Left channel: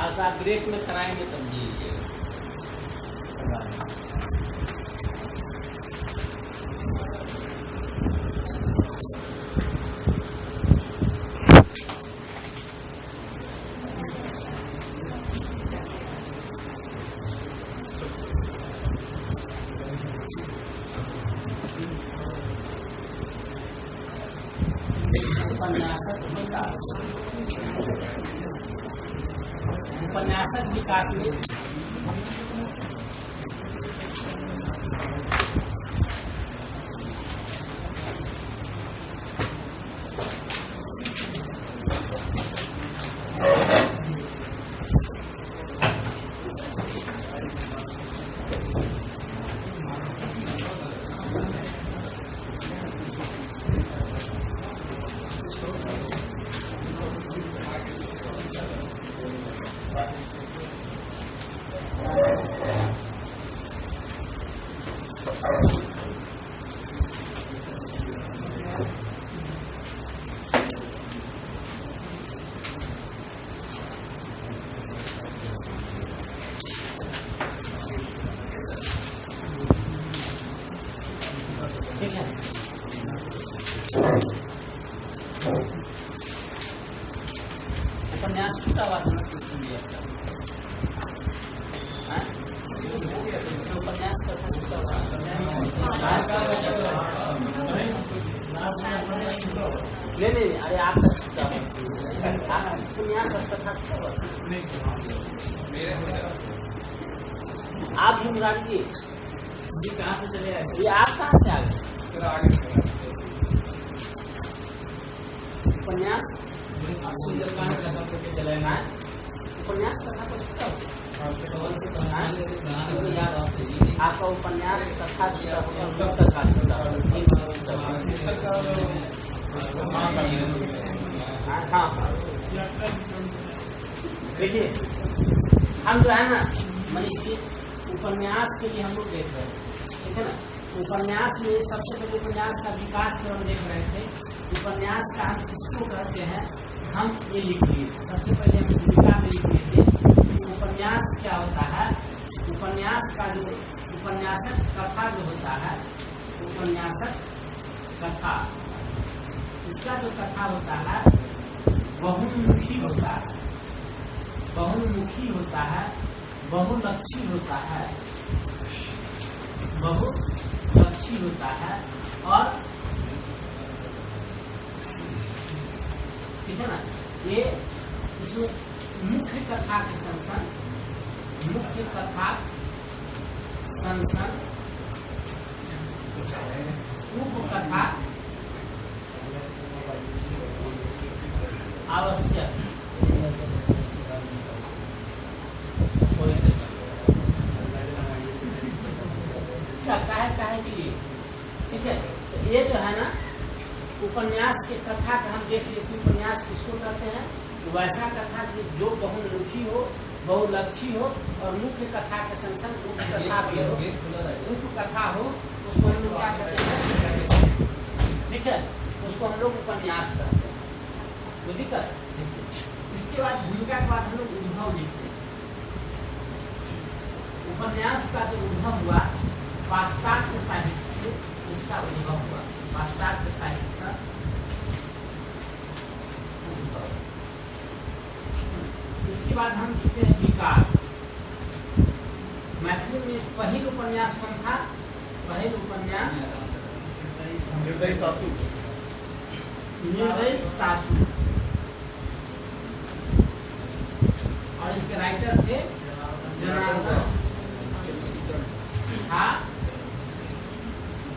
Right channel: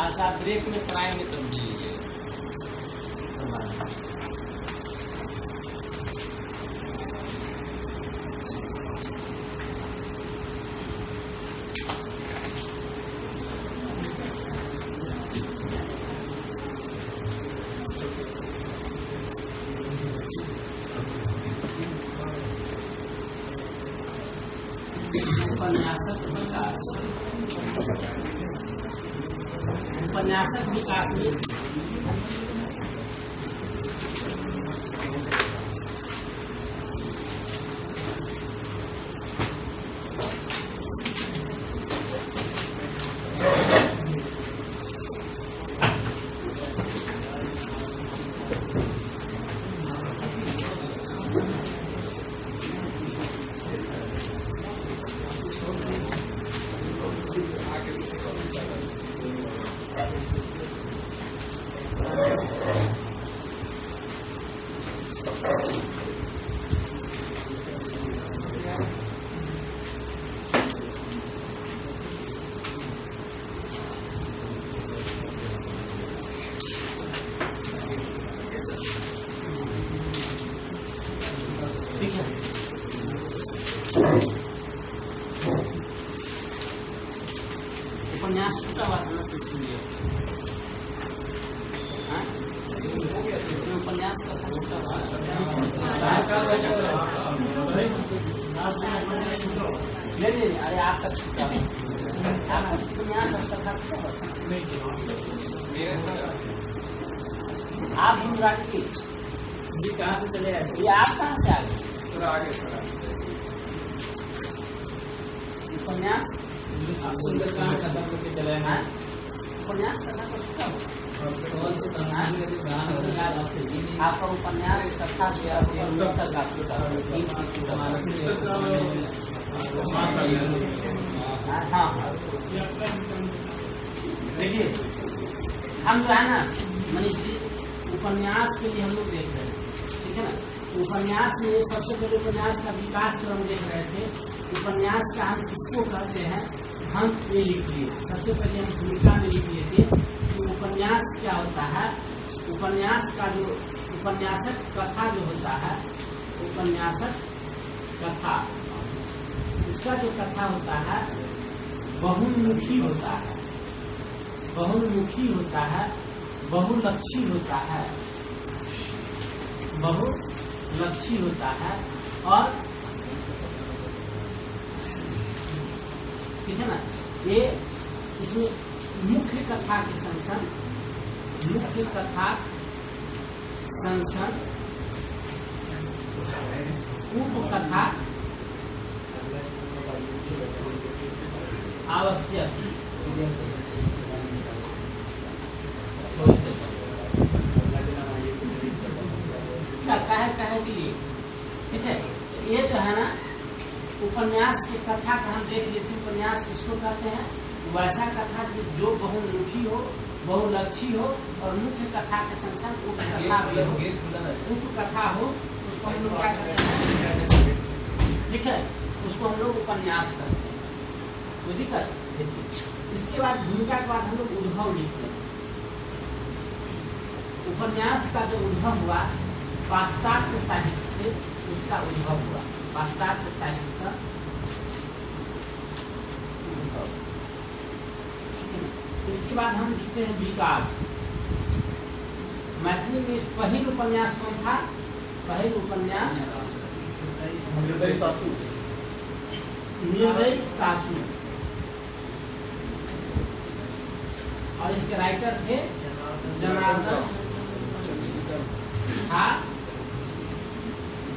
आज आप ब्रेक में कराएंगे तब जी उपन्यासक विकास में उपन्यास छूटा हुआ था ना तो सुन लिया उपन्यास का था छूटा नहीं अरे आप तक क्या उपन्यास कथा आप गुजरात की जी कहाँ से चले आए ये आप कहाँ से आ गए थोड़ा आगे उपन्यास आप सुंदरकांड खत्म करके चले गए उपन्यास कथा का छूटा आपका उपन्यास कथा देखिए हम जो है ना मनीषी उपन्यास के लिए हम लोग देख रहे हैं ठीक है ना। उपन्यास में सबसे पहले उपन्यास का विकास जो हम देख रहे थे उपन्यास का हम किसको कहते हैं हम ये लिख लिए सबसे पहले हम भूमिका में लिख लिए थे कि उपन्यास क्या होता है। उपन्यास का जो उपन्यासक कथा जो होता है उपन्यासक कथा इसका जो कथा होता है बहुमुखी होता है बहुमुखी होता है बहुलक्षी होता है बहुलक्षी होता है और ठीक है ना। ये इसमें मुख्य कथा के संसन मुख्य कथा संसन उपकथा आवश्यक कहे के लिए ठीक है। ये जो है ना उपन्यास के कथा का हम देख लेते उपन्यास किसको कहते हैं वैसा कथा जो बहुमुखी हो बहुलक्षी हो और मुख्य कथा के संग उपकथा हो उसको हम लोग क्या कहते हैं ठीक है उसको हम लोग उपन्यास कहते हैं। कोई दिक्कत। इसके बाद भूमिका के बाद हम लोग उद्भव लिखते हैं। उपन्यास का जो उद्भव हुआ पाश्चात्य साहित्य से उसका उद्भव हुआ पाश्चात्य साहित्य से उद्भव। इसके बाद हम लिखते हैं विकास। मैथिली में पहल उपन्यास कौन था पहल उपन्यास निर्दयी सासू निर्दयी सासू और इसके राइटर थे जनार्दन था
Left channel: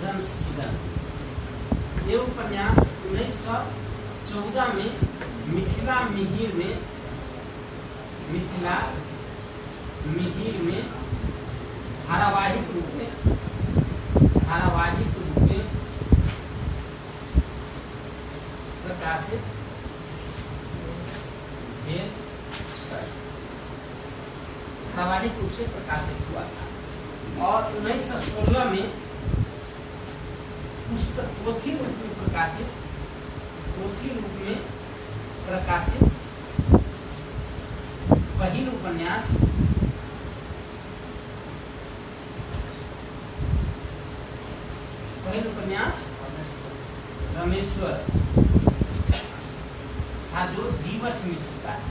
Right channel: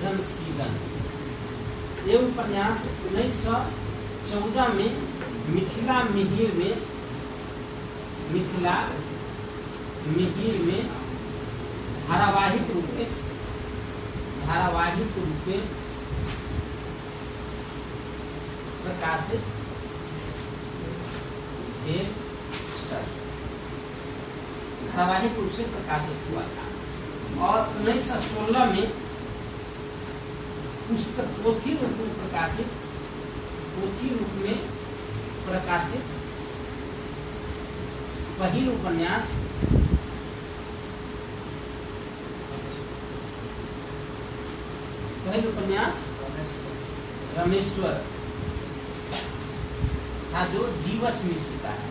जनसीदन। ये उपन्यास 1914 में मिथिला मिहिर में धारावाहिक रूप में प्रकाशित धारावाहिक रूप से प्रकाशित हुआ था और 1916 में पुस्तक पोथी रूप में प्रकाशित पहिल उपन्यास रमेश्वर था, जो जीवछ मिश्र का है,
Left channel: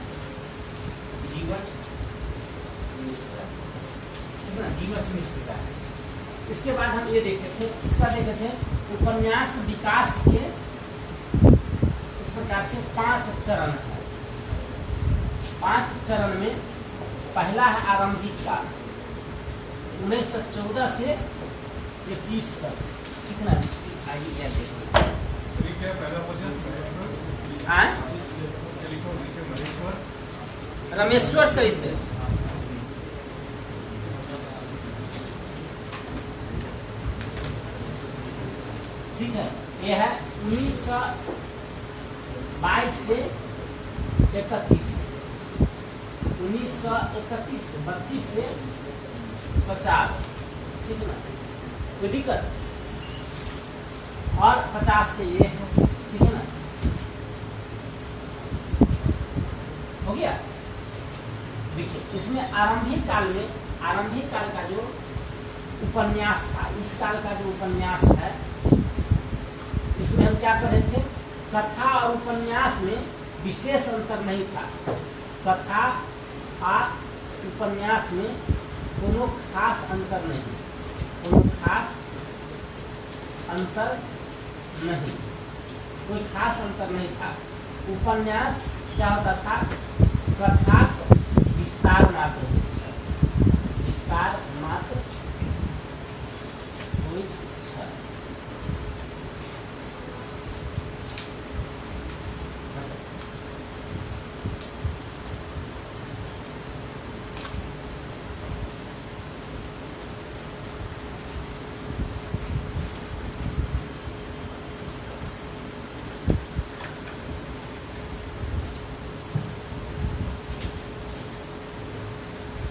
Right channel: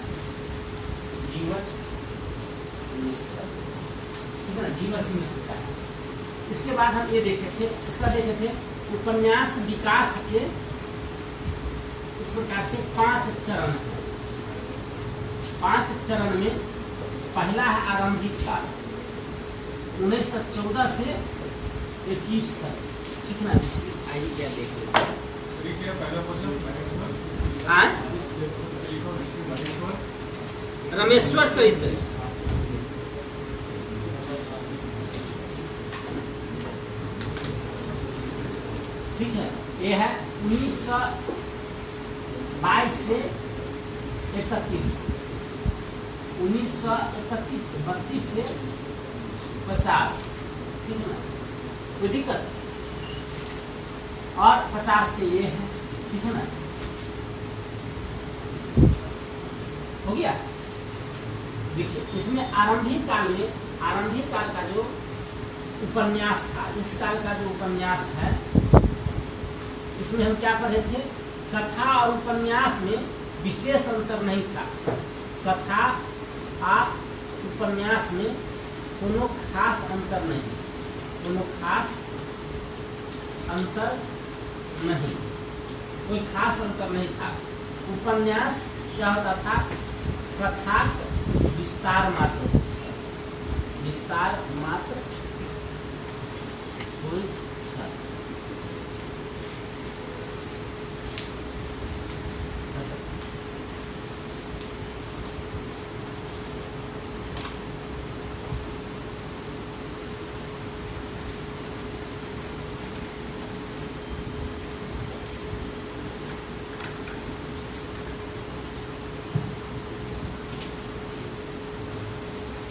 जीवछ मिश्र, ठीक है ना, जीवछ मिश्र का है। इसके बाद हम ये देखे थे, इसका देखे थे उपन्यास विकास के इस प्रकार से 5 चरण है। 5 चरण में पहला है आरंभिक काल 1914 से 21 तक, ठीक है ना। आइए क्या देखें, रमेश्वर चरित्र, ठीक है। ये है 1922 से 31, 1931 32 से 50, ठीक है ना, कोई दिक्कत। और 50 से ये है, ठीक है ना, हो गया। देखिए इसमें आरंभिक काल का जो उपन्यास था, इस काल का जो उपन्यास है, इसमें हम क्या पढ़े थे, कथा और उपन्यास में विशेष अंतर नहीं था। कथा और उपन्यास में कोनो खास अंतर नहीं, कोई खास अंतर नहीं था। उपन्यास क्या होता था, कथा विस्तार मात्र कोई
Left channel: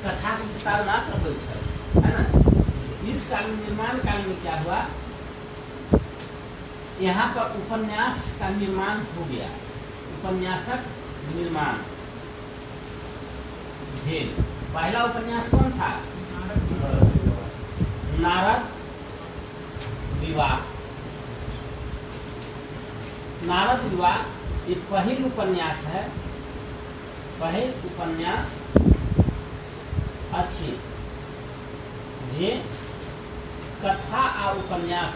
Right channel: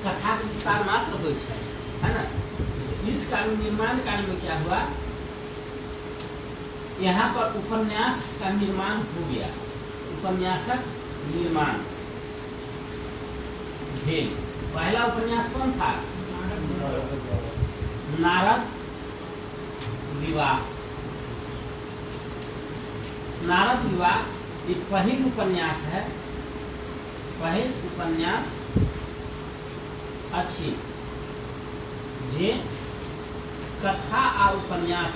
कथा के विस्तार मात्र हो, है ना। इस काल में, निर्माण काल में क्या हुआ, यहाँ पर उपन्यास का निर्माण हो गया, उपन्यासक निर्माण भेल। पहला उपन्यास कौन था, नारद विवाह। नारद विवाह ये पहिल उपन्यास है, पहिल उपन्यास अच्छी जे कथा आ उपन्यास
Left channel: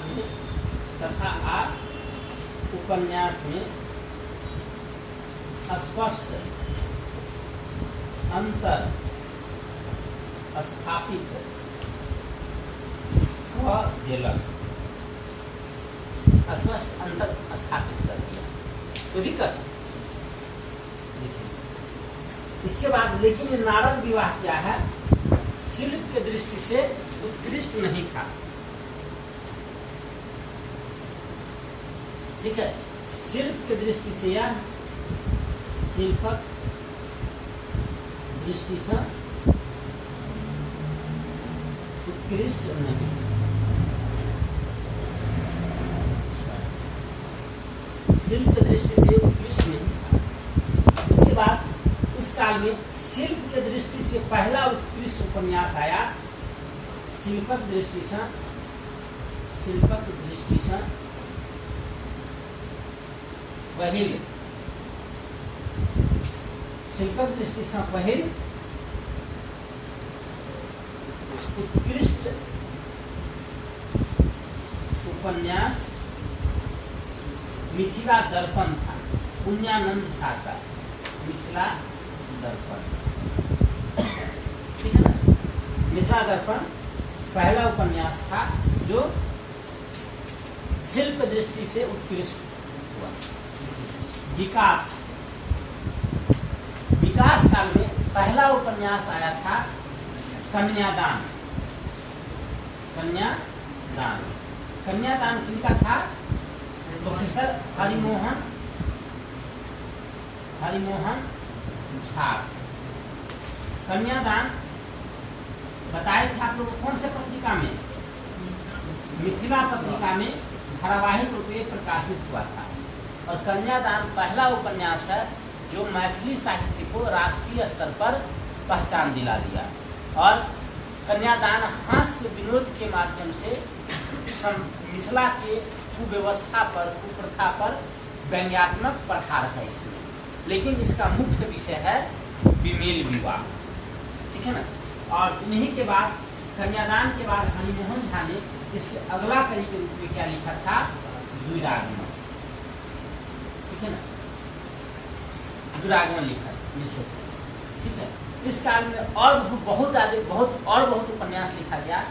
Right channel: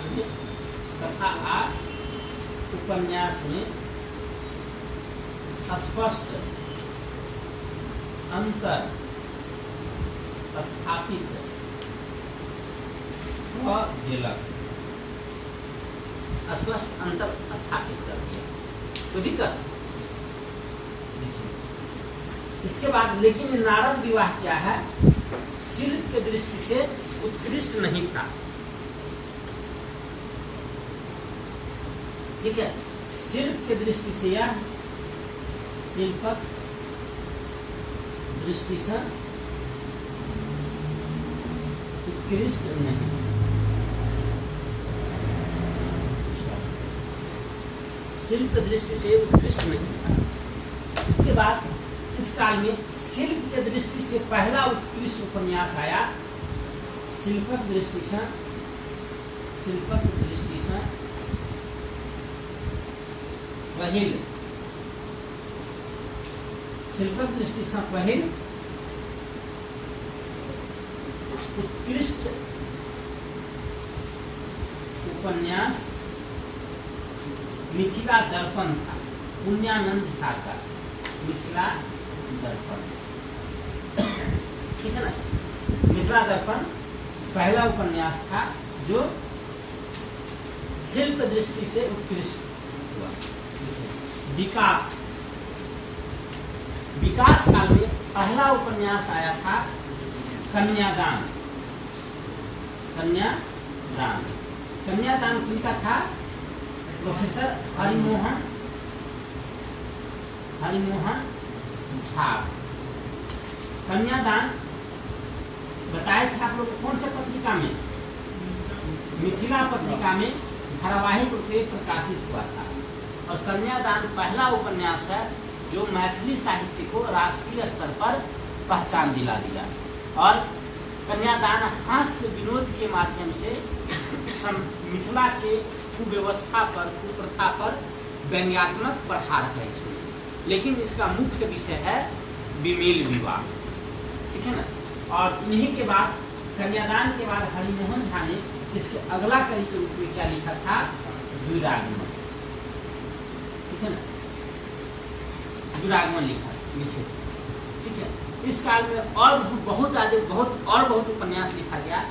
में स्पष्ट अंतर स्थापित स्पष्ट अंतर स्थापित कर दिया, कोई दिक्कत। इसके बाद लेकिन नारद विवाह क्या है, शिल्प के दृष्टि से उत्कृष्ट नहीं था, ठीक है। शिल्प के दृष्टि से यह शिल्पक दृष्टि से उत्कृष्ट नहीं, शिल्प की दृष्टि से उत्कृष्ट नहीं था। इसके बाद इस काल में शिल्प के दृष्टि से पहला उत्कृष्ट उपन्यास आया, शिल्पक दृष्टि से पहिल, शिल्पक दृष्टि से पहिल उत्कृष्ट उपन्यास मिथिला दर्पण था, पुण्यानंद झा का मिथिला दर्पण, ठीक है ना। मिथिला दर्पण पहला उपन्यास था जो शिल्प दृष्टि से उत्कृष्ट हुआ। विकास काल में पहला उपन्यास आया था कन्यादान। कन्यादान किनका था, प्रोफेसर हरिमोहन झा। कन्यादान बताए थे आप लोग कौन से पत्रिका में, मिथिला पत्रिका में धारावाहिक रूप में प्रकाशित हुआ था। और कन्यादान पहला उपन्यास है जो मैथिली साहित्य को राष्ट्रीय स्तर पर पहचान दिला दिया और कन्यादान हास्य विनोद के माध्यम से मिथिला के कुव्यवस्था पर, कुप्रथा पर व्यंग्यात्मक प्रहार है इसमें। लेकिन इसका मुख्य विषय है विमेल विवाह, ठीक है ना। और इन्हीं के बाद कन्यादान के बाद हरिमोहन झा ने इसके अगला कड़ी के रूप में क्या लिखा था, द्विरागमन, ठीक है ना, द्विरागमन लिखे, ठीक है। इस काल में और बहुत उपन्यास लिखा गया,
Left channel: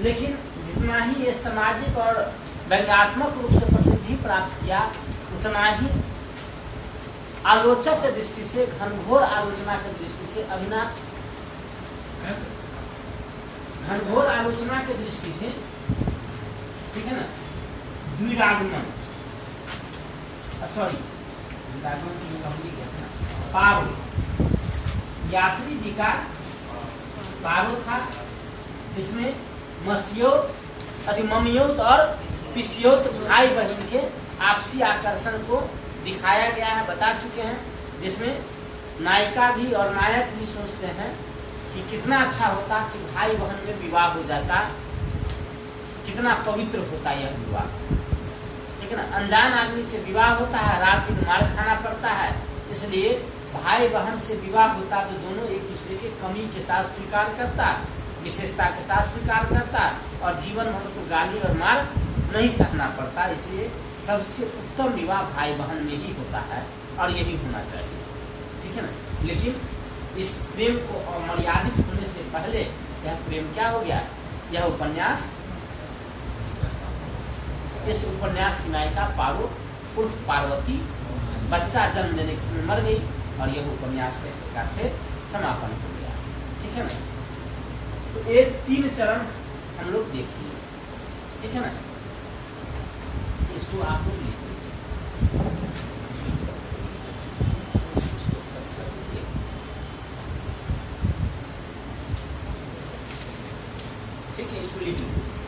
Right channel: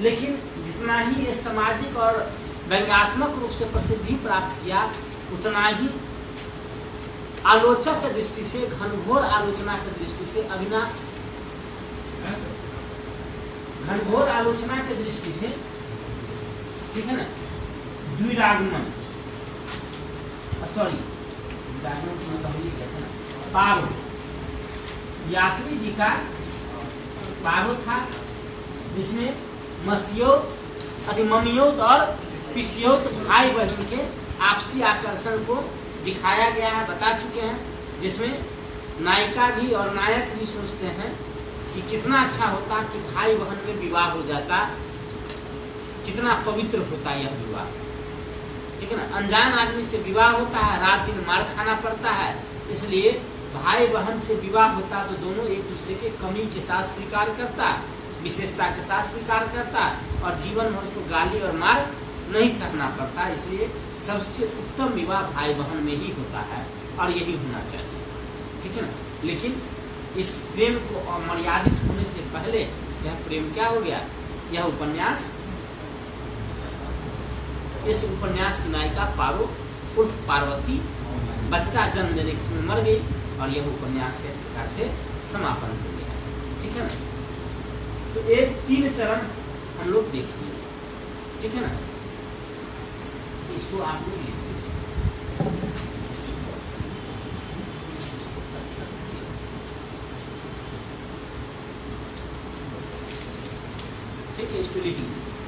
लेकिन जितना ही ये सामाजिक और व्यंग्यात्मक रूप से प्रसिद्धि प्राप्त किया, उतना ही आलोचक की दृष्टि से, घनघोर आलोचना की दृष्टि से, घनघोर आलोचना की दृष्टि से, ठीक है ना, द्विरागमन, सॉरी द्विरागमन की पहले कहते हैं पारो, यात्री जी का पारो था, जिसमें ममियोत और पिसियोत भाई बहन के आपसी आकर्षण को दिखाया गया है, बता चुके हैं। जिसमें नायिका भी और नायक भी सोचते हैं कि कितना अच्छा होता कि भाई बहन में विवाह हो जाता, कितना पवित्र होता यह विवाह, ठीक है ना। अनजान आदमी से विवाह होता है, रात दिन मार खाना पड़ता है, इसलिए भाई बहन से विवाह होता तो दोनों एक दूसरे के कमी के साथ स्वीकार करता, विशेषता के साथ स्वीकार करता, और जीवन भर उसको गाली और मार नहीं सकना पड़ता। इसलिए सबसे उत्तम विवाह भाई बहन में ही होता है और यही होना चाहिए, ठीक है ना। लेकिन इस प्रेम को अमर्यादित होने से पहले यह प्रेम क्या हो गया, यह उपन्यास, इस उपन्यास की नायिका पारो उर्फ पार्वती बच्चा जन्म देने के समय मर गई और यह उपन्यास के इस प्रकार से समापन हो गया, ठीक है ना। तो ये 3 चरण हम लोग देख लिए, ठीक है ना। इसको आप लोग लिख लीजिए, ठीक है, इसको लिख लीजिए।